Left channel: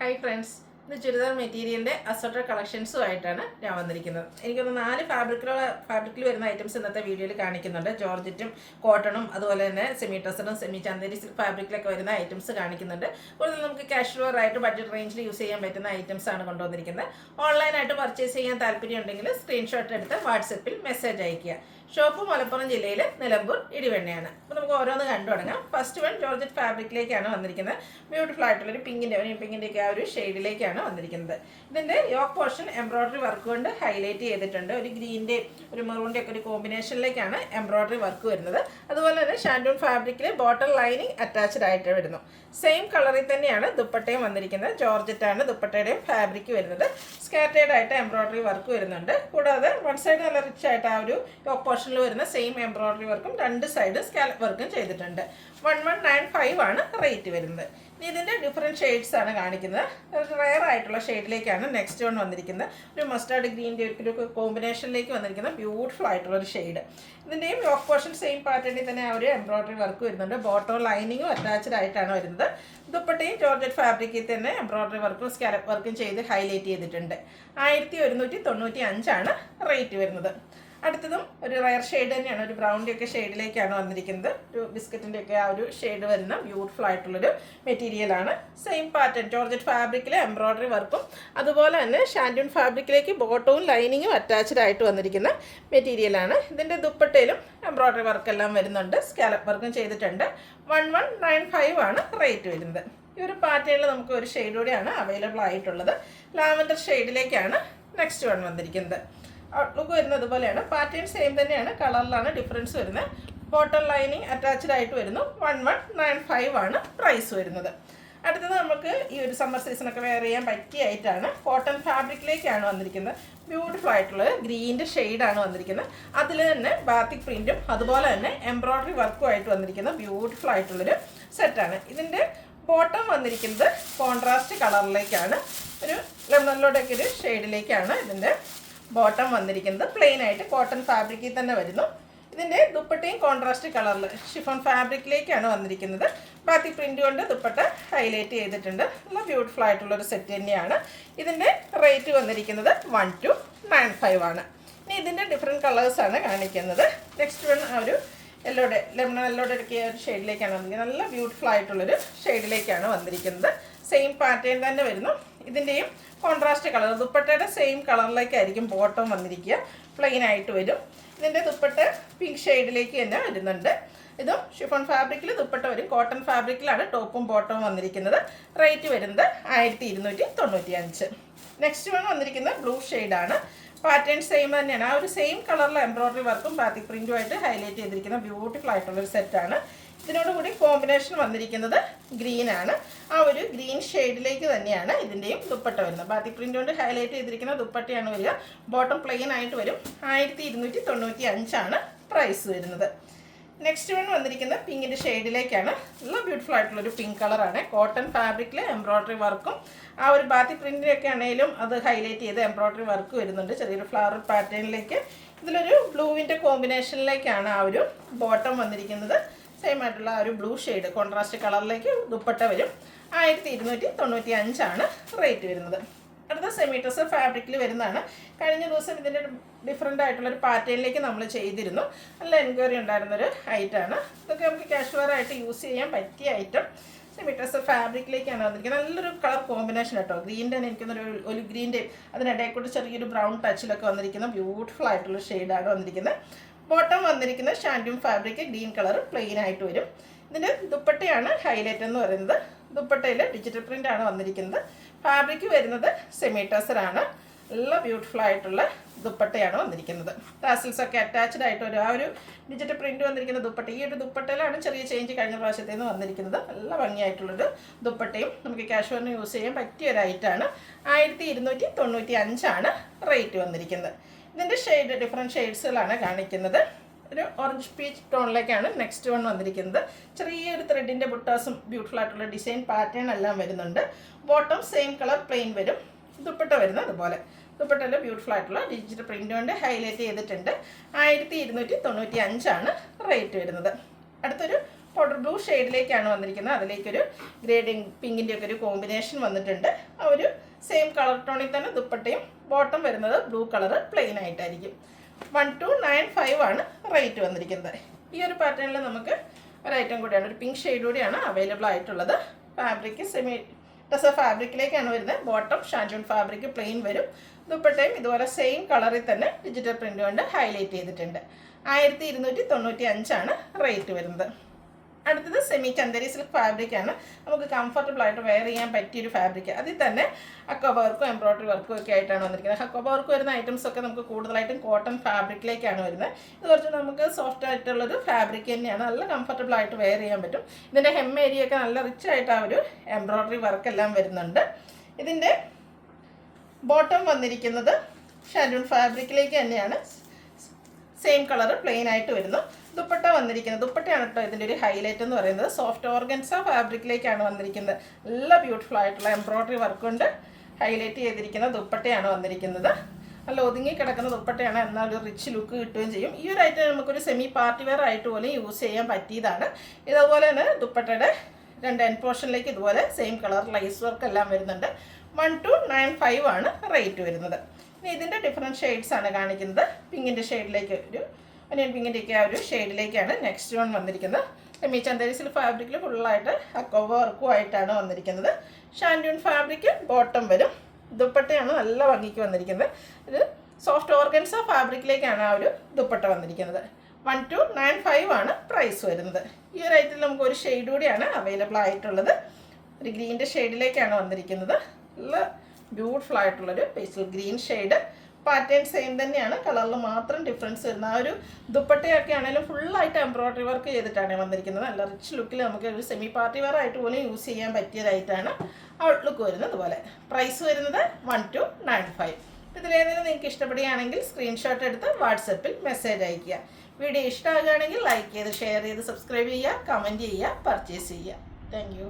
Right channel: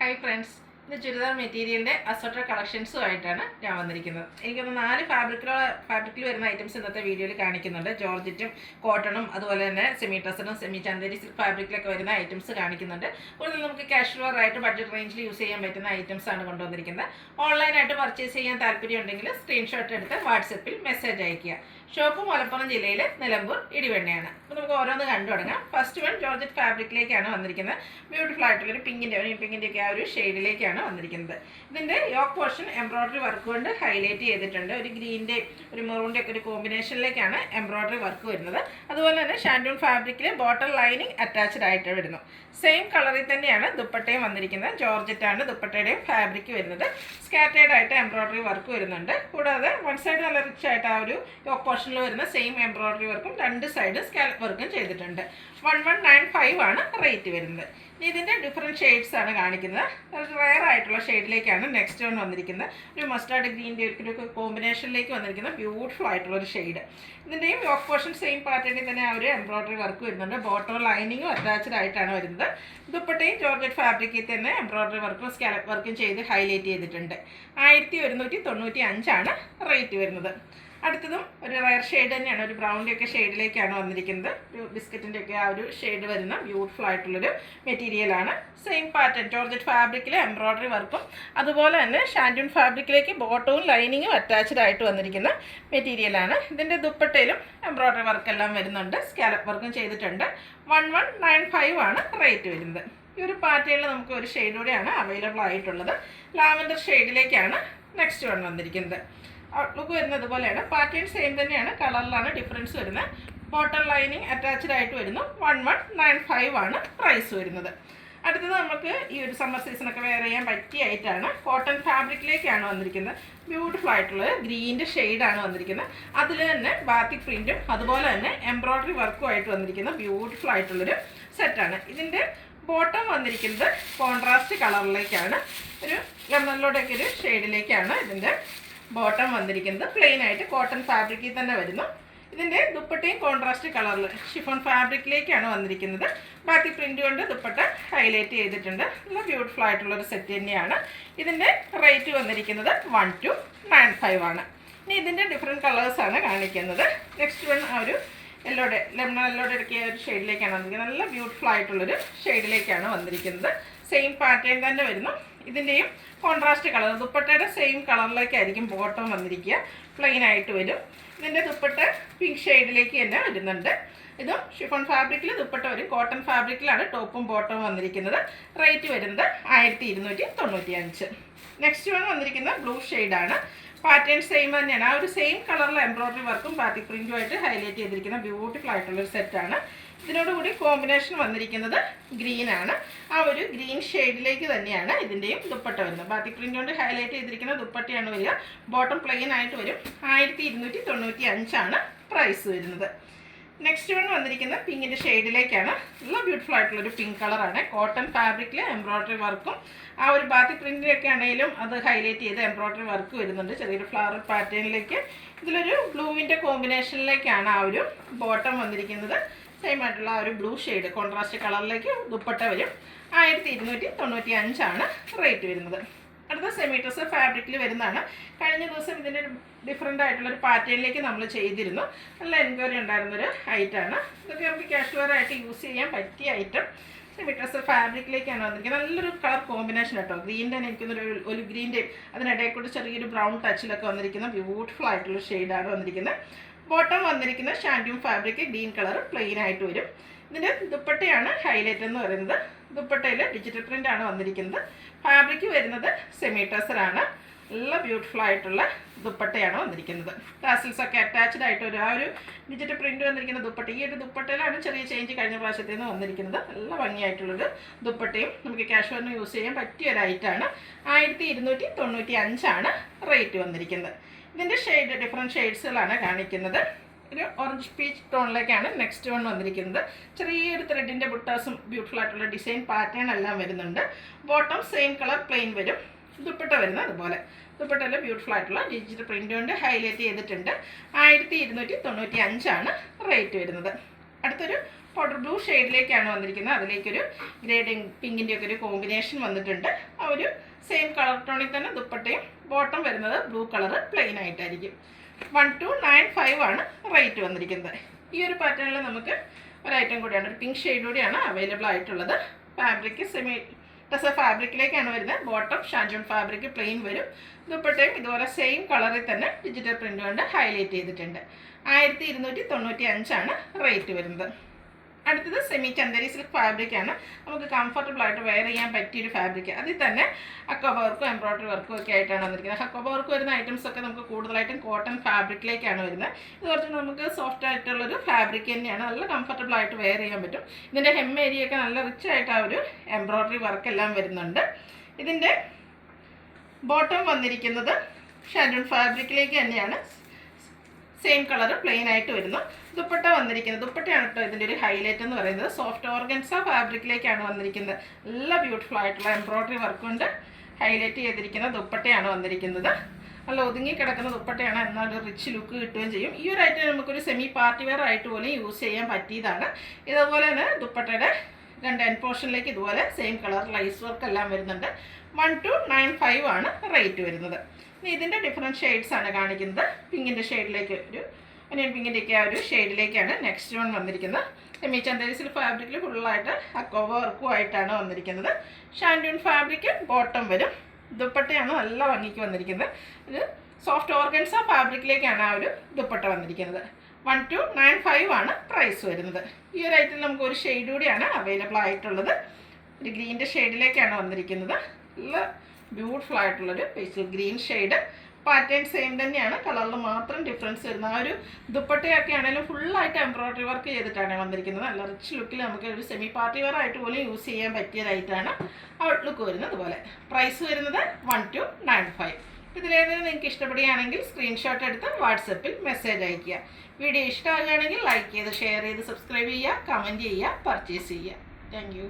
Hi friends, ഇത് ചുരിദാർ മെറ്റീരിയലിൻ്റെ assorted കളക്ഷൻസുമായിട്ടാണ് ഞാൻ വന്നിരിക്കുന്നത്. എനിക്കൊന്ന് 4 ഫാബ്രിക്കിൽ വരുന്ന ഐറ്റംസ് ഇന്നത്തെ വീഡിയോയിൽ കാണിക്കുന്നുണ്ട്. ജോർജറ്റും കോട്ടണും അതുപോലെ തന്നെ സെമി ടസറും സെമി ചന്ദേരി ഫാബ്രിക്കിലൊക്കെ വരുന്ന ഐറ്റംസ് കാണിക്കുന്നുണ്ട്. കൂടുതൽ നമുക്ക് കാഷ്വൽ ആയിട്ട് ബഡ്ജറ്റ് റേഞ്ചിൽ യൂസ് ചെയ്യാൻ പറ്റുന്ന ഐറ്റംസ് ആണ് കൊണ്ടുവന്നിരിക്കുന്നത്. ഓൺലൈനായിട്ട് പർച്ചേസ് ചെയ്യാൻ താല്പര്യം ഉണ്ടെങ്കിൽ സ്ക്രീൻഷോട്ട് എടുത്ത് വാട്സപ്പിൽ മെസ്സേജ് അയയ്ക്കുക. ഷോപ്പ് മലപ്പുറം ജില്ലയിലെ നിലമ്പൂർ ഇടിവെണ്ണയാണ്. അപ്പോൾ നമുക്ക് ഓരോന്ന് കണ്ടു തുടങ്ങാം. ഫസ്റ്റ് വൺ ജോർജറ്റ് ഫാബ്രിക്കിലേക്കാണ് വന്നിരിക്കുന്നത്. ബ്യൂട്ടിഫുൾ ആയിട്ടുള്ളൊരു പിങ്കിൻ്റെയൊക്കെ ആ ഒരു ഷെയ്ഡിലേക്കാണ് വന്നിരിക്കുന്നത്. ഇതിൻ്റെ യോക്ക് പോർഷൻ എംബ്രോയ്ഡറി വർക്ക് കൊണ്ട് ഹൈലൈറ്റ് ചെയ്തിട്ടുണ്ട്. ഒരു ഗ്രീൻ്റെ ഒരു മെറൂണിൻ്റെ ഒക്കെ ഒരു കോമ്പിനേഷനിലേക്കാണ് എംബ്രോയ്ഡറി വർക്ക് വരുന്നത്. അതുപോലെ തന്നെ ഷാൻഡൂൺ ഫാബ്രിക്കിൽ ബോട്ടം ലൈനിങ് അറ്റാച്ച്ഡ് ആയിട്ട് വരുന്നു. സെയിം കളറിൽ തന്നെയാണ് ദുപ്പട്ടയും വന്നിരിക്കുന്നത്. ജോർജറ്റാണ് ദുപ്പട്ടയുടെയും ഫാബ്രിക് വരുന്നത്. സ്കാറ്റേഡ് ആയിട്ട് എംബ്രോയ്ഡറി വർക്ക് വരുന്നുണ്ട്. കൂടാതെ വൺ സൈഡ് നല്ല റിച്ച് ആയിട്ട് ആ ഒരു യോക്ക് പോർഷനിൽ വരുന്ന സെയിം എംബ്രോയ്ഡറി വർക്കും രണ്ട് സൈഡ് സ്കാലപ്പ് വർക്കും ചെയ്തിട്ടുണ്ട്. 1195 ആണ് റേറ്റ് വരുന്നത്. ഇതിൻ്റെ ഡിഫറെൻറ്റ് ഷെയ്ഡ്സ് ആണ് കാണിക്കുന്നത്. റെയർ ആയിട്ടുള്ള ഷെയ്ഡിലേക്കാണ് നെക്സ്റ്റ് വൺ വന്നിരിക്കുന്നത്. ഒരു മസ്റ്റാർഡ് ഗ്രീൻ്റെ ഒരു കോമ്പിനേഷനിലേക്ക് വന്നിരിക്കുന്ന ബ്യൂട്ടിഫുൾ ആയിട്ടുള്ളൊരു ഷെയ്ഡ്. ഇതിൻ്റെയും യോക്ക് പോർഷൻ സെയിം പാറ്റേണിൽ തന്നെ ആ ഒരു എംബ്രോയ്ഡറി വർക്ക് വരുന്നുണ്ട്. ബോട്ടം ലൈനിങ്ങും അറ്റാച്ച്ഡ് ആയിട്ടാണ് വരുന്നത്. ദുപ്പട്ടയും ജോർജറ്റ് ഫാബ്രിക്കിൽ തന്നെ എംബ്രോയ്ഡറി വർക്കും സ്കാലപ്പ് വർക്കും ചെയ്ത് ഹൈലൈറ്റ് ചെയ്തിട്ടുണ്ട്. 1195 ആണ് റേറ്റ് വരുന്നത്. അടുത്തതും ഒരു റയർ ഷെയ്ഡ് തന്നെയാണ്. ഒരു ബ്രൗണിൻ്റെ ഒക്കെ ഷെയ്ഡിലേക്കാണ് വന്നിരിക്കുന്നത്. ഒരു ബിസ്ക്കറ്റിൻ്റെ ഒക്കെ ആ ഒരു ഷെയ്ഡ് വരുന്ന ബ്യൂട്ടിഫുൾ ആയിട്ടുള്ളൊരു മെറ്റീരിയലാണ്. സെയിം പാറ്റേൺ ജോർജറ്റ് ഫാബ്രിക്കിലെ എംബ്രോയ്ഡറി വർക്കും അതുപോലെ തന്നെ ഷാൻഡൂൺ ഫാബ്രിക്കിലേക്ക് ബോട്ടവും ലൈനിങ്ങും അറ്റാച്ച്ഡ് ആയിട്ട് വന്നിരിക്കുന്ന മെറ്റീരിയലാണ്. ഇതിൻ്റെ ദുപ്പട്ടയിലും എംബ്രോയ്ഡറി വർക്കെല്ലാം വരുന്നുണ്ട്. സ്കാലപ്പ് വർക്കും ചെയ്തിട്ടുണ്ട്. 1195 ആണ് റേറ്റ് വരുന്നത്. ഈ ഒരു പാറ്റേണിൽ നമുക്ക് ഒരു ഷെയ്ഡ് കൂടെയാണ് അവൈലബിൾ ആയിട്ടുള്ളത്. ലാവൻഡർ ഷെയ്ഡിലേക്കാണ് നെക്സ്റ്റ് വൺ വന്നിരിക്കുന്നത്. ഔട്ട്ലുക്ക് വരുന്നത് ഇതുപോലെയാണ്. പാറ്റേൺ സെയിം തന്നെയാണ്, കളറിലാണ് ഡിഫറൻസ് വരുന്നത്. ബോട്ടം ലൈനിങ് അറ്റാച്ച്ഡ് ആയിട്ട് വരുന്നു. 1195 ആണ് പ്രൈസ് വരുന്നത്. അടുത്തത് നമുക്ക് ഈ ഒരു സമ്മർ സീസണൊക്കെ വെയർ ചെയ്യാൻ പറ്റിയ ആയിട്ടാണ് കോട്ടൺ ഫാബ്രിക്കിലേക്കാണ് വന്നിരിക്കുന്നത്. ബ്യൂട്ടിഫുൾ ആയിട്ടുള്ള ഗ്രീൻ്റെ ഷെയ്ഡാണ് വന്നിരിക്കുന്നത്. അതിൽ തന്നെ ബാത്തിക് പ്രിൻറ്റും അതുപോലെ തന്നെ എംബ്രോയ്ഡറി വർക്കും ആയിട്ട് വന്നിരിക്കുന്ന ബ്യൂട്ടിഫുൾ ആയിട്ടുള്ളൊരു സെറ്റാണ്. ഇതിൻ്റെ ബോട്ടം വന്നിരിക്കുന്നത് കോൺട്രാസ്റ്റ് കളറിലേക്കാണ്. ഒരു ലെമണിലൂടെയൊക്കെ ഒരു ഷെയ്ഡിലേക്കാണ് ഇതിൻ്റെ ബോട്ടം വന്നിരിക്കുന്നത്. പ്ലെയിൻ ആയിട്ട് കോട്ടൺ ഫാബ്രിക്കിൽ തന്നെ വരുന്നു. ഇതിൻ്റെ ദുപ്പട്ടയും കോൺട്രാസ്റ്റ് കളറിൽ ഷിഫോൺ ഫാബ്രിക്കിലേക്കാണ് വന്നിരിക്കുന്നത്. ബാക്കി പ്രിൻ്റ് കൊണ്ട് ദുപ്പട്ട ഹൈലൈറ്റ് ചെയ്തിട്ടുണ്ട്. നല്ല ബ്യൂട്ടിഫുൾ ആയിട്ടുള്ളൊരു സെറ്റ് തന്നെയാണ്. ഇതിൻ്റെ റേറ്റ് വന്നിരിക്കുന്നത് 1295 ആണ്. ഇനി ഇതിൻ്റെ ഡിഫറെൻറ്റ് കളേഴ്സാണ് കാണിക്കുന്നത്. നെക്സ്റ്റ് വൺ ആ ഒരു ലെമൺ യെല്ലോടെ ഇടയ്ക്ക് ഒരു ഷെയ്ഡിലേക്കാണ് വന്നിരിക്കുന്നത്. നല്ല ബ്യൂട്ടിഫുൾ ആയിട്ടുള്ളൊരു ഷെയ്ഡിലേക്കാണ് വന്നിരിക്കുന്നത്. സെയിം പാറ്റേൺ തന്നെ വരുന്നു. ഇതിൻ്റെയും കോൺട്രാസ്റ്റ് കളർ ദുപ്പട്ടയുടെ സെയിം കളറിലേക്കായിരിക്കും ബോട്ടം വന്നിരിക്കുക. പ്ലെയിൻ ആയിട്ട് വരും. ഇതിൻ്റെ ദുപ്പട്ട പിങ്ക് ഷെയ്ഡിലേക്ക് തന്നെ വരുന്നുണ്ട്. ഇതും ഷിഫോൺ ഫാബ്രിക്കിൽ ദുപ്പട്ട വരും. കോട്ടൺ ഫാബ്രിക്കിലാണ് ടോപ്പും ബോട്ടവും വന്നിരിക്കുന്നത്. റേറ്റ് വരുന്നത് 1295. നെക്സ്റ്റ് വൺ വന്നിരിക്കുന്നത് ബ്ലൂ ഷെയ്ഡാണ്. പാറ്റേൺ സെയിം തന്നെയാണ്. ആ ഒരു സെയിം കളറിൽ എംബ്രോയ്ഡറി വർക്കും ബാത്തിക് പ്രിൻറ്റുമായിട്ട് ഹൈലൈറ്റ് ചെയ്തിരിക്കുന്ന ബ്യൂട്ടിഫുൾ ആയിട്ടുള്ളൊരു സെറ്റാണ്. ഇതിനോടുകൂടി കോമ്പിനേഷൻ വന്നിരിക്കുന്നത് ഗ്രീനാണ്. ആ ഒരു ഗ്രീൻ ഷെയ്ഡിലേക്ക് തന്നെയാണ് ഇതിൻ്റെയും ദുപ്പട്ട വരുന്നത്. ബാത്തിക് പ്രിൻ്റ് കൊണ്ട് ഹൈലൈറ്റ് ചെയ്തിരിക്കുന്ന ദുപ്പട്ടയാണ് വരിക. ബോട്ടം പ്ലെയിൻ ആയിട്ട് വരും. 1295 ആണ് പ്രൈസ് വരുന്നത്. നെക്സ്റ്റ് വൺ വന്നിരിക്കുന്ന പിങ്കിൻ്റെ ഷെയ്ഡിലേക്കാണ്. നല്ല ബ്യൂട്ടിഫുൾ ആയിട്ടുള്ളൊരു പിങ്ക് കളറാണ്. കോട്ടൺ ഫാബ്രിക്കിൽ എംബ്രോയ്ഡറി വർക്കും ആ ഒരു ബാത്തിക് പ്രിൻറ്റിലൊക്കെ ആണെങ്കിലും അത് ഹൈലൈറ്റ് ചെയ്ത് എംബ്രോയ്ഡറി വർക്ക് വരുന്നുണ്ട്. ചെറിയൊരു ഫ്ലവർ പാറ്റേണിലേക്ക് ഇതിലൊരു ബ്ലൂവിൻ്റെ കോമ്പിനേഷനിലേക്കാണ് ആ ഒരു ബോട്ടം വന്നിരിക്കുന്നത്. സെയിം ആയിട്ടുള്ള ആ ഒരു ബ്ലൂ ഷെയ്ഡ് കോൺട്രാസ്റ്റ് കളറിലേക്ക് ദുപ്പട്ട വരും. 1295 ആണ് റേറ്റ് വരുന്നത്. അടുത്ത സെമി ടസർ ഫാബ്രിക്കിൽ വരുന്നതാണ്. കഴിഞ്ഞ ദിവസം ഇതിൻ്റെ ഡിഫറെൻ്റ് ആയിട്ടുള്ളൊരു പാറ്റേണിലേക്ക് നമ്മൾ ചെയ്തിരുന്നു. നല്ല എൻക്വയറി ഉണ്ടായിരുന്നൊരു ഐറ്റമാണ്. ഇതൊക്കെ നമുക്ക് കാഷ്വൽ ആയിട്ട് യൂസ് ചെയ്യാൻ പറ്റിയ ഐറ്റം. സെമി ടസർ ഫാബ്രിക്കിലേക്കാണ് വന്നിരിക്കുന്നത്. നല്ലൊരു കളർ കോമ്പിനേഷൻ കേട്ടോ. ഗ്രീൻ്റെ എനിക്കൊന്നൊരു ഒരു ഗ്രീൻ്റെയും അതിനിടയിൽ കൂടി ചെറിയൊരു ബ്രൗൺ ടച്ചിലൊക്കെ വന്നിരിക്കുന്ന ബ്യൂട്ടിഫുൾ ആയിട്ടുള്ള ഷെയ്ഡാണ് വന്നിരിക്കുന്നത്. ബോട്ടം വന്നിരിക്കുന്നത് shantoon fabric green colour plain ആയിട്ട് വരും. ഇതിൻ്റെ ദുപ്പട്ടയാണ് ഹൈലൈറ്റ് എന്ന് പറയുന്നത്. ദുപ്പട്ടയിൽ ഡിജിറ്റൽ പ്രിൻ്റ് ആണ് വന്നിരിക്കുന്നത്. ഫാബ്രിക് വരുന്നത് സെമി ടസറാണ്. നല്ല ബ്യൂട്ടിഫുൾ ആയിട്ടുള്ള ദുപ്പട്ടയാണ് വന്നിരിക്കുന്നത്. ടാസിൽസ് ഒക്കെ അറ്റാച്ച്ഡ് ആയിട്ട് ആ ഒരു ഡിജിറ്റൽ പ്രിൻ്റ് വന്നിരിക്കുന്ന ദുപ്പട്ട. ഈ ഒരു ദുപ്പട്ടയിലാണ് ചെറിയ ചേഞ്ച് കഴിഞ്ഞ പ്രാവശ്യത്തിൽ നിന്ന് വന്നിരിക്കുന്നത്. നല്ല ഭംഗിയായിട്ടുള്ളൊരു ദുപ്പട്ടയും നമുക്ക് കാഷ്വലിന് യൂസ് ചെയ്യാൻ പറ്റിയ ഒരു ഐറ്റാണ്. 1295 ആണ് റേറ്റ് വന്നിരിക്കുന്നത്. ഇതിൻ്റെ ഷെയ്ഡ് ഡിഫറെൻറ്റ് ഷെയ്ഡ്സുകളാണ് കാണിക്കുന്നത്. ഒരു ഓറഞ്ച് പീച്ച് ടോണിലേക്കാണ് നെക്സ്റ്റ് വൺ വന്നിരിക്കുന്നത്. ചെറിയൊരു ത്രെഡിൻ്റെ ബുട്ടാസും ബ്യൂട്ടിഫുൾ ആയിട്ടുള്ള ഡിസൈൻ പാറ്റേൺ എല്ലാം വരുന്നുണ്ട്. ബോട്ടം സെയിം കളർ പ്ലെയിൻ വരും. ദുപ്പട്ട വരുന്നത് അതുപോലെ. ദുപ്പട്ടയിൽ ബ്യൂട്ടിഫുൾ ആയിട്ടുള്ള ഡിജിറ്റൽ പ്രിൻ്റ് കൊണ്ട് ഹൈലൈറ്റ് ചെയ്തിട്ടുണ്ട്. 1295 ആണ് റേറ്റ് വരുന്നത്. അടുത്തൊരു പൗഡർ ബ്ലൂ ഷെയ്ഡിലേക്കാണ് വന്നിരിക്കുന്നത്. അതിലേക്കൊരു ഗ്രേഡിങ് പിങ്കിൻ്റെ ഒക്കെ ഒരു കോമ്പിനേഷൻ വന്നിട്ടുണ്ട്. ആ ഒരു സെയിം കളർ ടോണിൽ തന്നെ ദുപ്പട്ടയും ബോട്ടം വരുന്നത് ബ്ലൂ കളർ പ്ലെയിൻ ആയിട്ടായിരിക്കും. 1295 ആണ് റേറ്റ് വന്നിരിക്കുന്നത്. ഈ ഒരു പാറ്റേണിൽ നമുക്ക് ഒരു ഐറ്റം കൂടിയാണ്, ഒരു പിങ്ക് ഷെയ്ഡ് കൂടിയാണ് അവൈലബിൾ ആയിട്ടുള്ളത്. ഫാബ്രിക് സെമി ടെസർ ഫാബ്രിക്കിലേക്കാണ് വരുന്നത്. ബോട്ടം ഷാൻജോൺ ഫാബ്രിക് പ്ലെയിൻ വരും. ദുപ്പട്ടയും ഇതുപോലെ സെയിം കളറിൽ തന്നെ ഡിജിറ്റൽ പ്രിൻ്റ് കൊണ്ട് ഹൈലൈറ്റ് ചെയ്തിട്ടുണ്ട്. 1295 ആണ് റേറ്റ് വരുന്നത്. അടുത്തത് സെമി ചന്ദേരി സിൽക്ക് ഫാബ്രിക്കാണ്. നമുക്ക് കംഫർട്ടബിൾ ആയിട്ട് വെയർ ചെയ്യാൻ പറ്റിയൊരു ഫാബ്രിക്. അതിൽ തന്നെ അക്കോബ വർക്കും എംബ്രോയ്ഡറി വർക്കും ഒക്കെ ആയിട്ടാണ് വന്നിരിക്കുന്നത്. അക്കോബ വർക്ക് വരുന്ന ഐറ്റംസ് ഒക്കെ നമുക്ക് കൂടുതലായിട്ടും കോട്ടൺ ഫാബ്രിക്കിലേക്കാണ് വരുന്നത്. ഇത് കുറച്ച് നമുക്ക് സോഫ്റ്റ് ആയിട്ടുള്ളൊരു ഫാബ്രിക് തന്നെയാണ്. നല്ല കംഫർട്ടബിൾ ആയിട്ട് വെയർ ചെയ്യാൻ പറ്റും. ഇതിൻ്റെ ഹെം ഏരിയ ഒക്കെ നല്ല റിച്ച് ആയിട്ട് ആ ഒരു എംബ്രോയ്ഡറി വർക്കെല്ലാം വരുന്നുണ്ട്. ഇതിൻ്റെ ബോട്ടം വന്നിരിക്കുന്നത് ഷാൻഡൂൺ ഫാബ്രിക്കിലേക്ക് തന്നെയാണ്. സെയിം കളർ പ്ലെയിൻ ആയിട്ട് വരുന്നു. ദുപ്പട്ട വന്നിരിക്കുന്നത്, ദുപ്പട്ടയാണ് കേട്ടോ ഇതിൻ്റെ ഒരു ഹൈലൈറ്റ് എന്ന് പറയുന്നത്. സോഫ്റ്റ് ഓർഗൻസ ഫാബ്രിക്കിലേക്കാണ് വന്നിരിക്കുന്നത്. നല്ല ബ്യൂട്ടിഫുൾ ആയിട്ടുള്ള എംബ്രോയ്ഡറി വർക്ക് കൊണ്ട് ഹൈലൈറ്റ് ചെയ്തിരിക്കുന്ന ദുപ്പട്ടയാണ് വന്നിരിക്കുന്നത്. നല്ല ഒതുങ്ങി കിടക്കുന്ന ദുപ്പട്ടയാണ്, എന്നാൽ ഒരു റിച്ച് ലുക്ക് കിട്ടുകയും ചെയ്യും. ഈ ഒരു ഐറ്റം നമുക്കൊരു സെമി പാർട്ടി വെയർ ആയിട്ട് പോലും യൂസ് ചെയ്യാൻ പറ്റിയതാണ്. ഇതുപോലെ തന്നെ ദുപ്പട്ടയുടെ രണ്ട് എൻഡ് പോർഷനിലേക്ക് ഇതുപോലെ സെയിം കളർ ലൈസ് വർക്ക് എല്ലാം വരുന്നുണ്ട്. 1295 ആണ് റേറ്റ് വരുന്നത്. ഇനി ഇതിൻ്റെ ഡിഫറെൻറ്റ് ഷെയ്ഡ്സ് ആണ് കാണിക്കുന്നത്. പിങ്കിൻ്റെ ഷെയ്ഡിലേക്ക് ഒരു അനിയൻ പിങ്കിൻ്റെയൊക്കെ ആ ഒരു ഷെയ്ഡിലേക്കാണ് നെക്സ്റ്റ് വൺ വന്നിരിക്കുന്നത്. സെമി ചന്ദേരി സിൽക്ക് ഫാബ്രിക്കിൽ ഫുള്ളായിട്ട് അക്കോബ വർക്കും ആയിട്ടാണ് വന്നിരിക്കുന്നത്. ഷാൻഡൂൺ ഫാബ്രിക്ക് ബോട്ടം വരും. ദുപ്പട്ടയാണ് നല്ല ഭംഗിക്ക് വന്നിരിക്കുന്നത്. ഇത് സോഫ്റ്റ് ഓർഗൻസ ഫാബ്രിക്കിലേക്കാണ് ആ ഒരു ദുപ്പട്ട വന്നിരിക്കുന്നത്. 1295 ആണ് പ്രൈസ് വരുന്നത്. ഈ ഒരു ഐറ്റത്തിൽ നമുക്ക് ഒരു ഷെയ്ഡ് കൂടിയാണ് അവൈലബിൾ ആയിട്ടുള്ളത്. ഒരു ഗ്രീൻ്റെ ഷെയ്ഡിലേക്കാണ് വന്നിരിക്കുന്നത്. നല്ല ബ്യൂട്ടിഫുൾ ആയിട്ടുള്ളൊരു pastel green shade. Pattern same തന്നെയാണ്, കളറിൽ മാത്രം ഡിഫറൻസ് വരുന്ന. ആ ഒരു ദുപ്പട്ടയൊക്കെ ആണെങ്കിലും ഫുള്ളായിട്ട് എംബ്രോയ്ഡറി വർക്ക് ചെയ്തിട്ടാണ് വന്നിരിക്കുന്നത്. നല്ല റിച്ച് ലുക്കിൽ നമുക്ക് ഒരു സെമി പാർട്ടി വെയർ ആയിട്ട് പോലും യൂസ് ചെയ്യാൻ പറ്റിയതായിട്ടാണ് ഔട്ട്ലുക്ക് വരുന്നത്. അതുപോലെ പ്രൈസ് വരുന്നത് 1295. ഇതിലേതെങ്കിലും നിങ്ങൾക്ക് ഇഷ്ടപ്പെടുകയാണെങ്കിൽ സ്ക്രീൻഷോട്ട് എടുത്ത് വാട്സപ്പിൽ മെസ്സേജ് അയയ്ക്കുക. വീഡിയോ ഇഷ്ടമാകുകയാണെങ്കിൽ ലൈക്ക് ചെയ്ത് ഷെയർ ചെയ്ത് സബ്സ്ക്രൈബ് ചെയ്യുക, കമൻറ്റ് ചെയ്യുക, പർച്ചേസ് ചെയ്യുക. Thank you.